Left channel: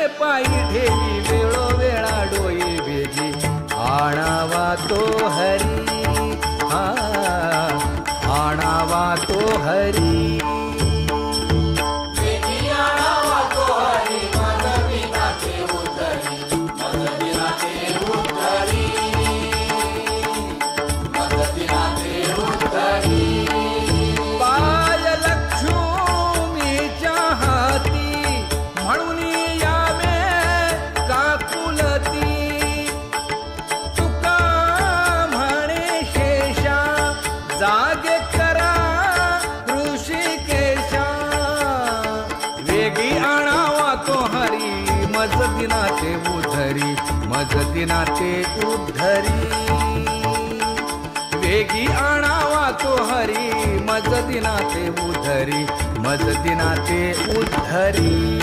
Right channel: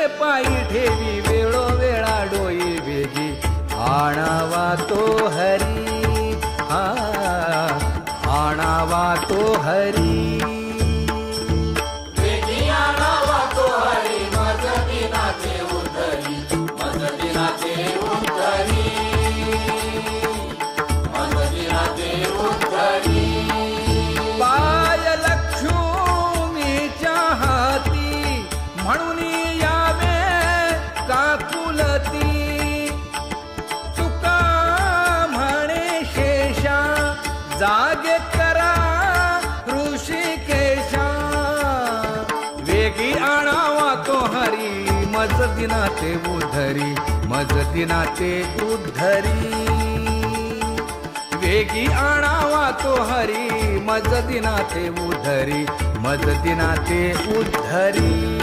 ते पायी ठेवी वेळोवेळा डोई वेगी आणावा तो हरी हा आणावा तो हरी बाय लक्ष्मीच्या हाती म्हणून यावे काकुलती तुका म्हणे शेषा जागे करा ऋषिकेशा वेगी आणावा तो हरी मज दिना ते उद्धरी मज दिना ते उद्धरी वेगी आणावा तो हरी मज दिना ते उद्धरी मज दिना ते उद्धरी